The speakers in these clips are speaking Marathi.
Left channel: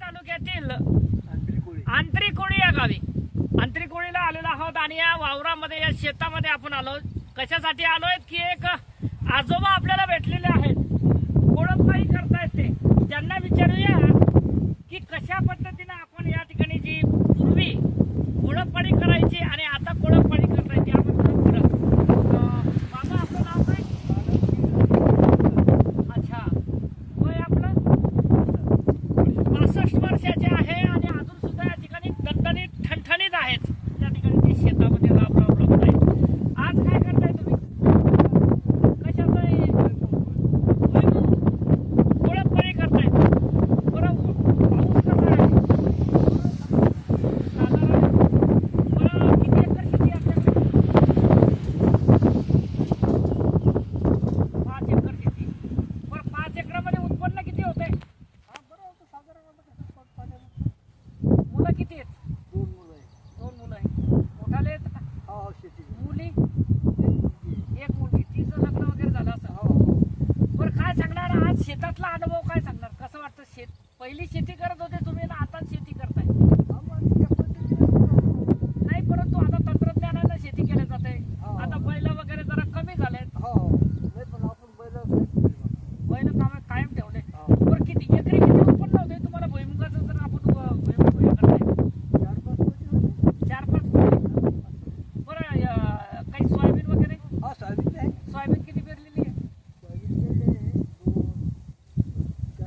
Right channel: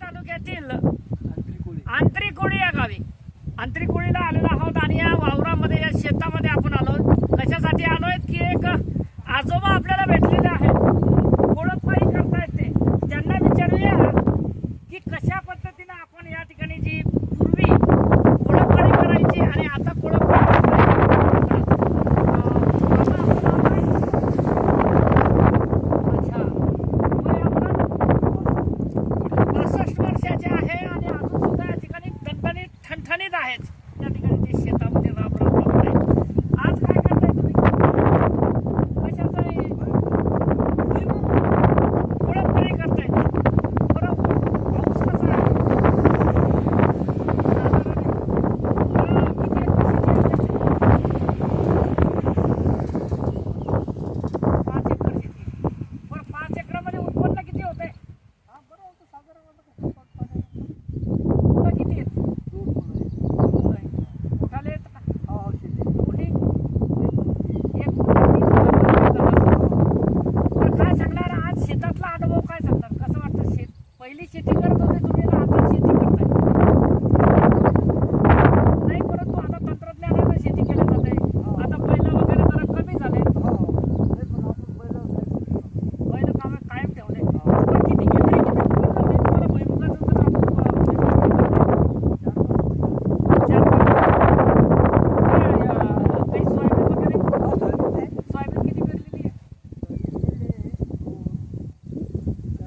तालुक्यातील आंतरिकोळी या गावी आंतरिकोळीला आलेलो आहोत आणि या वावरामध्ये या शेतामध्ये आपण आलो. कशासाठी आलोय की एक आजोबा आपल्याला भेटलेले आहेत, कोळपवाडी करतायत ते. त्यांना विचारूया की कशा पद्धतीने आपण या ठिकाणी जी पूर्वी कोळपवाडी करायची आणि आता कोळपवाडी करायची. बाबा आपलं नाव काय? अच्छा, वय आपलं 65 वर्षाचे आहे आणि अजून सुद्धा या ठिकाणी दणदणीत ठणठणीत आहेत. या ठिकाणी ते शेतामध्ये राब आहे. आज काय करताय तुम्ही? कशाचं कोळपवाडी करताय? बरोबर. पाऊस कसा आहे? साधारण किती एकर शेती आहे? 5 एकर शेती. बरं, 5 एकरामध्ये उत्पन्न किती होते? मुलं किती आहेत? 2 मुलं आहेत. मोठाले आहेत का? मुली? एक मोठा, 3 मुलं झाला. बरं, काय सांगणार आज शेतातला अनुभव काय सांगणार? कसं वाटतं? पहिली शेती करत होते तुम्ही ना आता शेती करताय? नाही, परंतु आता तंत्रज्ञानाने शेती केली जाते. आता बैल वगैरे जरा कमी झाले. बैल कायम ठेवले. बरं, किती एकरी किती उत्पन्न होते तुम्हाला भुईमुगाचं? जर आपण काही सोयाबीन वगैरे? सोयाबीन किती पेरलेली आहे?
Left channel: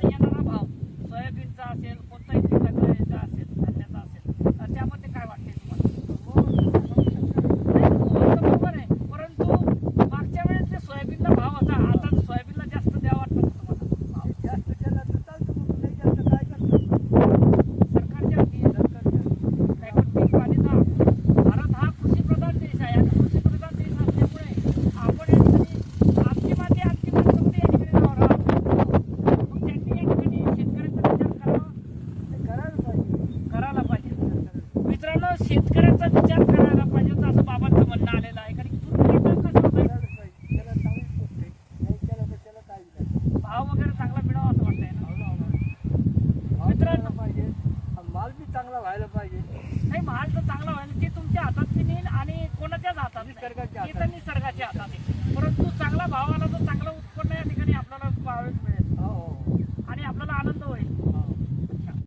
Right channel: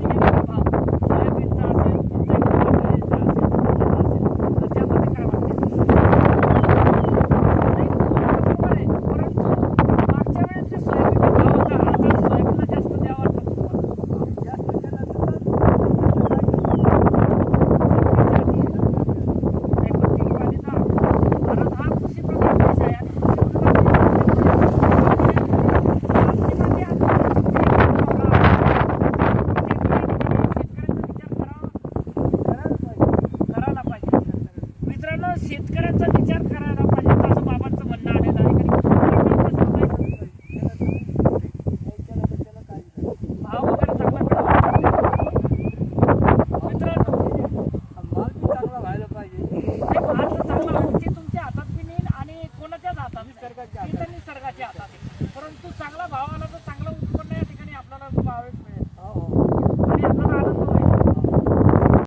येणारा भाव सोयाबीनचा असेल, कोणताही प्रकारचा याचा असेल, तर त्यामध्ये काय वाटते? नाही, बरोबर आहे. परंतु मागच्या वेळेस जे सोयाबीनचा भाव होता, आता सोयाबीनला जास्त द्यावं वाटतं तुम्हाला? भारत हा कृषीप्रधान देश आहे आणि कृषीप्रधान देश असल्यामुळे आमची माती आज करायला पाहिजे. मित्रांनो, शेतकऱ्यांचा विचार करायला पाहिजे असं बाबांचं म्हणणं आलेलं आहे. भाव वगैरे चांगला मिळाला मित्रांनो. माल बी चांगला व्हायला पाहिजे. नाही, माल तर चांगला व्हायला ते तुमच्या हातात बी नेईल आणि कोणाच्याच हातात नाही. निसर्गाच्या ते तर निसर्गाच्या हातात आहे. परंतु चांगला भाव आला तर चांगला